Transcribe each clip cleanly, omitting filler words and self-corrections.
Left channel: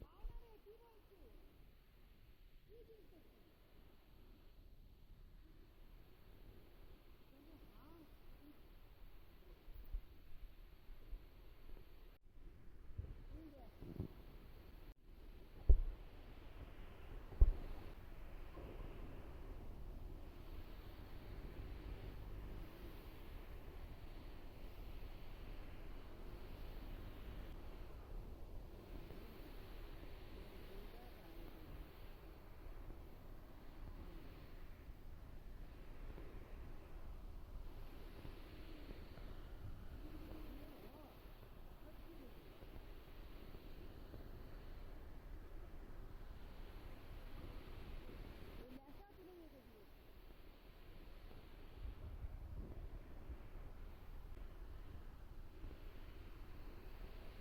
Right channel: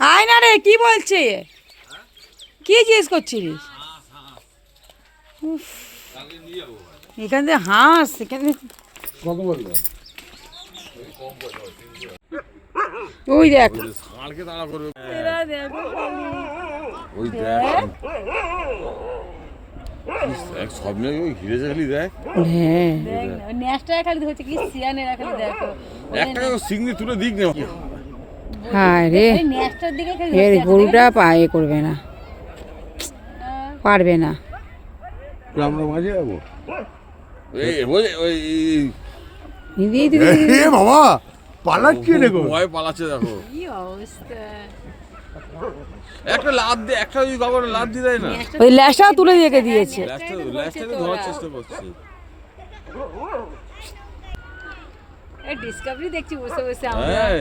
আয় না রে, কি বলছে? কি জিজ্ঞেস করছিস? উফ, এখান থেকে হাঁস, এখানে কত বললো? ওই দেখ, ষাঁড়কে তাড়া করবে। এরা দেখো ওই খালি। দেখ দেখ। এক সব মিলে ওই ঘিরে খালি দেখ। হ্যাঁ, দেখ না, ওই ন্যাসটা খালি হচ্ছে কি সিয়ানেরা খালি দেখো। একটা সিগনি তুলে দিক না। হ্যাঁ রে, ওই ন্যাসটার দিকে খালি এর ধরতে আছে, গরুটা পায়ে করবে না, পারবে না। আমরা মাঝে যাবো। এই ওই ওই দিদি দিদি এ বাবা পালাচ্ছে দেখো। ভয় পালাচ্ছে দেখো। কি অবস্থা। একটা লাভ দে, একটা ওই বাবার লাভ দিয়ে দেয় না। ওই ল্যাসটা তুলে রেখে দিয়েছে। ল্যাস্টটাকে ধরার চেষ্টা করছে। এই ডিসকাভারি দেখছি বসে বসে আমরা। হ্যাঁ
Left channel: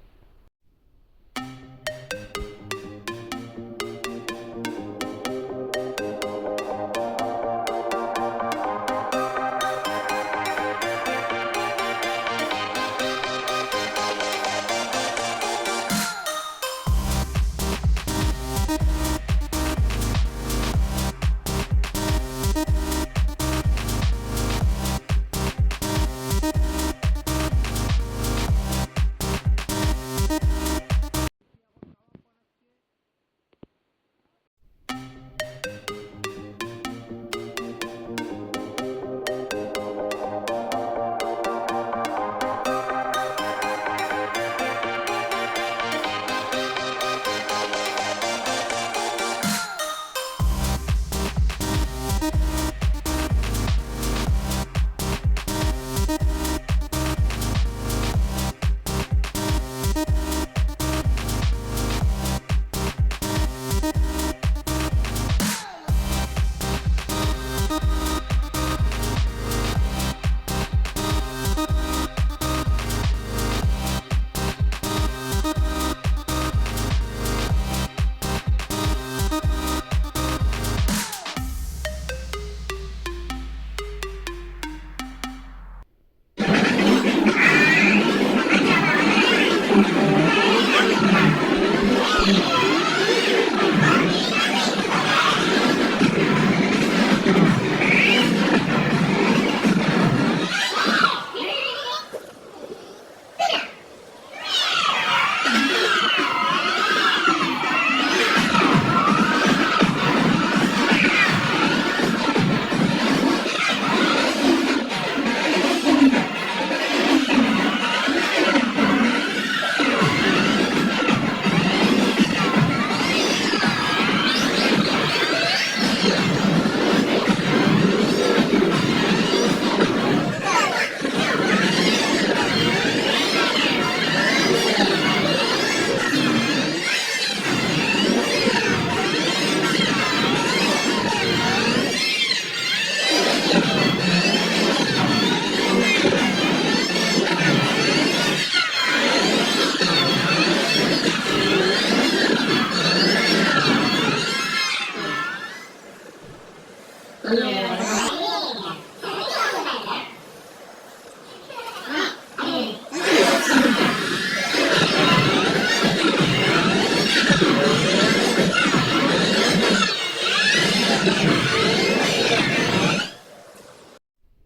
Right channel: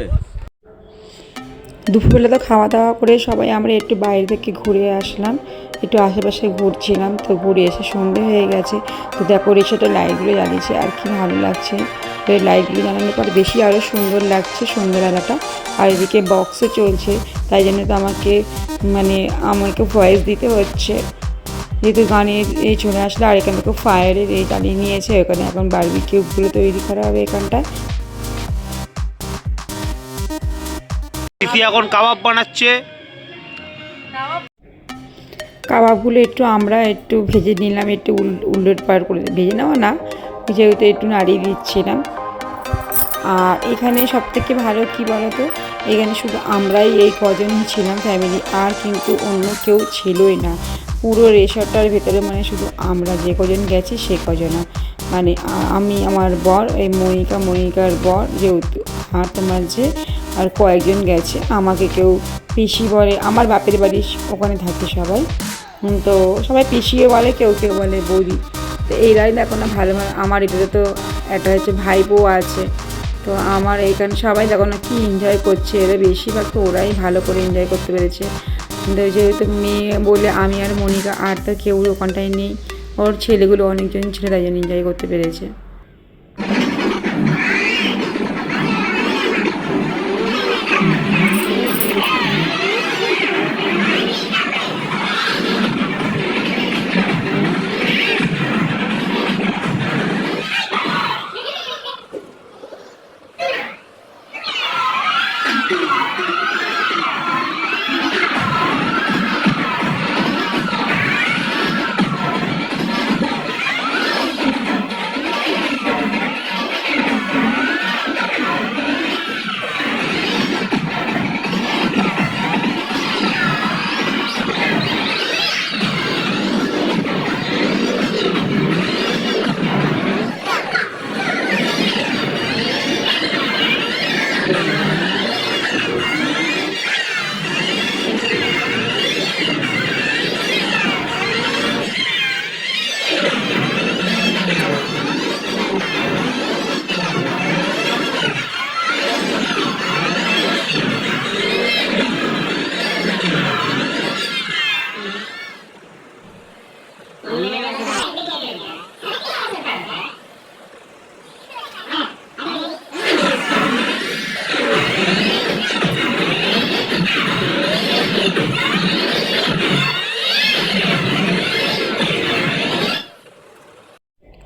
দুপুরবেলা তো খাওয়া দাওয়া করে সবাই আমরা একটু বাইরে থেকে ঘুরে আসলাম, একটু আশেপাশে ঘুরছিলাম। তো ঘুরে এসে সন্ধে হয়ে গেছে। তো দেখো রিসোর্টের লাইটগুলো জ্বালিয়েছে, আর কি ভালো লাগছে। তো এই লাইটগুলো জ্বালানোর পর বেশি আরও সুন্দর লাগছে সন্ধ্যেবেলাটা। আর এদিকে বক্সে চলছে, তাই জন্য তো আমাকে ভয়েস দিতে হচ্ছে, যেহেতু গানের এই চলে আসলে। আর এখানে তো ফায়ারের এই জ্বালিয়ে নিয়েছে, ওখানে এখন বারবিকিউগুলো তৈরি করা হবে এখানটায়। তিথি এখন কাবাব বানাচ্ছে। কাবাবগুলো আমরা একটু ভেজে নিলাম, একটু উলট পার করে ভেজে নেওয়া না, যেহেতু একটু নাড়িয়ে দিচ্ছিলাম। আর এখানে সবথেকে ভালো কী বলো তো, এখানে শুধু আমরাই এই কজন ছিলাম ফ্যামিলি, আর কিন্তু অন্য কেউ ছিলই না পুরো রিসর্টটার ভেতরে। শুধু আমরা যে কজন গেছি সে কজন, আমি, আমার বর, এই মনিকার বর যেহেতু, আর তোমার যে আর কয়েকজন গেছে। আমাকে কেউ পিসি বলে, আমার বাপের বাড়ি ওখানে থাকে সবাই। তো সবাই পিসিও বলে, কেউ কেউ বলে বৌদি। তো এইরাই দেখো না ভালো। আমার এগুলো তো একটা হচ্ছে ভাই বউ আছে। তো আমার এইখানে সবাই দেখো না কি এনজয় করছে, এরা বেশিরভাগ তো ওরাই ভালো করে এনজয় করতে পেরেছে। যেহেতু মেয়ে বলে আমি আর মনিকা, আর তো কেউ ওখানটায় নেই। ওর ছেলেগুলো অনেকজন ছিল, তাই জন্য এনজয় করতে পেরেছে।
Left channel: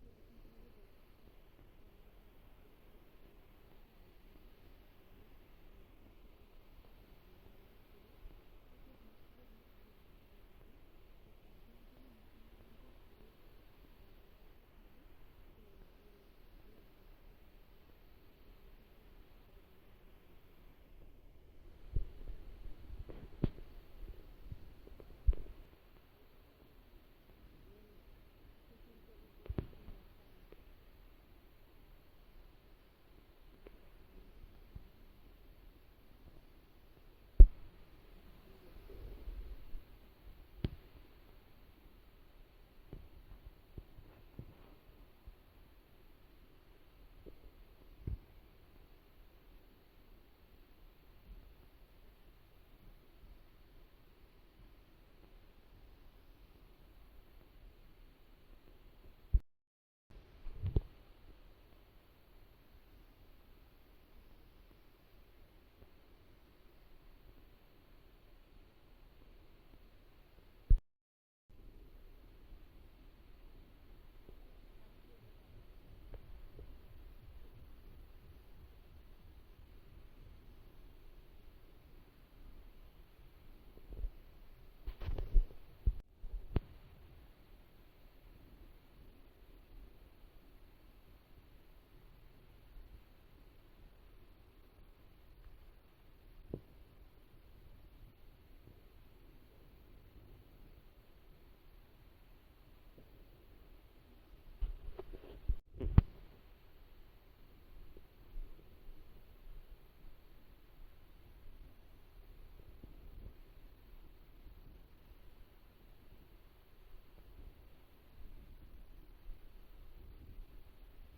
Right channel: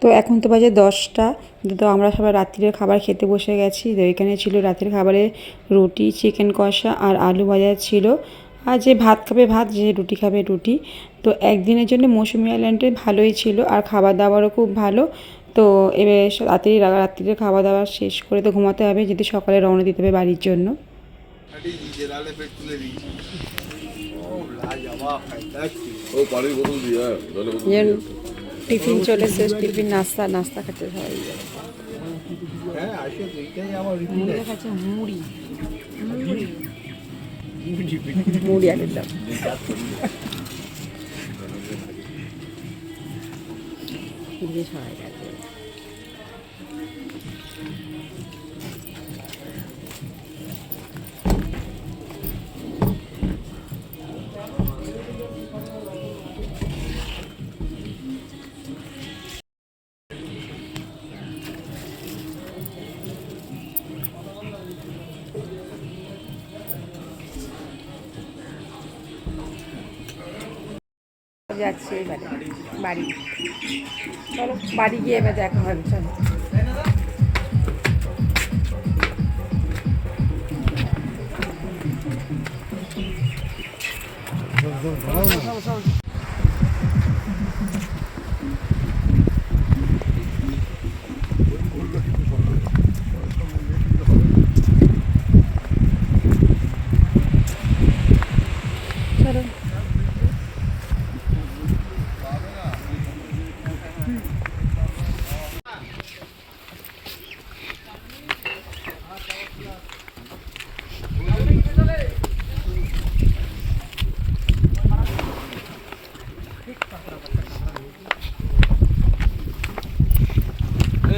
তো এখন তো বাজে 10টা। তো আমরা সবাই রাত্রির খাবার খেতে বসে গেছি। তো এখানে ছিল রাতের খাবারে রুটি, চিকেন কষা আর আলু ভাজা ছিল। আর যে ভাত খাবে ভাত, যে রুটি খাবে রুটি। তো একদিনের জন্য মৌসুমী আইল্যান্ডে ভালোই ছিল, আর খাবার দাবারও খুব ভালো। তো এবার রাত্রির খাওয়া দাওয়া শেষ করে তো ঘুমাতে হবে, যদি সকালে রওনা দিতে হবে বাড়ির জন্য। টিফিন চলে শেষ, টিফিন নাস্তা খাচ্ছে সবাই। খাচ্ছে মুড়ি আলুর দম। সবাই গেছে। যাচ্ছে এবারে বাড়ি। চলো বাড়ি গিয়ে এবার দেখা হবে, চলো। চলো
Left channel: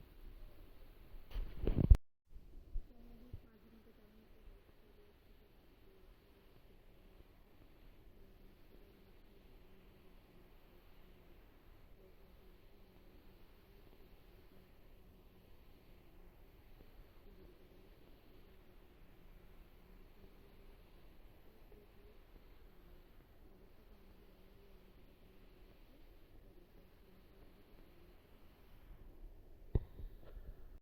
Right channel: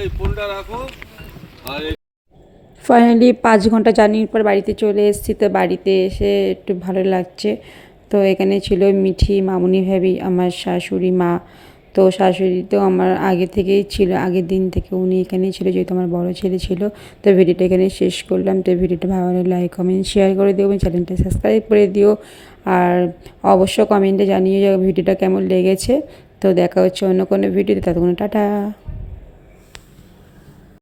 এই ফোনটা রাখো আর ফাইনালি 5 ঘন্টা জার্নির পর বাড়িতে চলে এসেছি। তো বাড়িতে এসে একটু ভালো লাগছে। তো এখানে ছিল মিঠি, মামুনি ভাবি, আমার শাশুড়ি মা। তো শাশুড়ি তো আমার আগে থেকেই ছিল, আগের দিন থেকে উনি এখানেই ছিল, যেহেতু আমার বড় ছেলে ছিল। তো ভিডিওটা এখানে শেষ করলাম। তো ভিডিওটা ভালো লাগলে লাইক কমেন্ট শেয়ার করে দিও এবং চ্যানেলটা সাবস্ক্রাইব করে দিও। আর অবশ্য কমেন্টে জানিয়ে যাও ভিডিওটা কেমন লেগেছে। তো দেখা হচ্ছে অন্য কোনো ভিডিওতে, ততক্ষণ টাটা।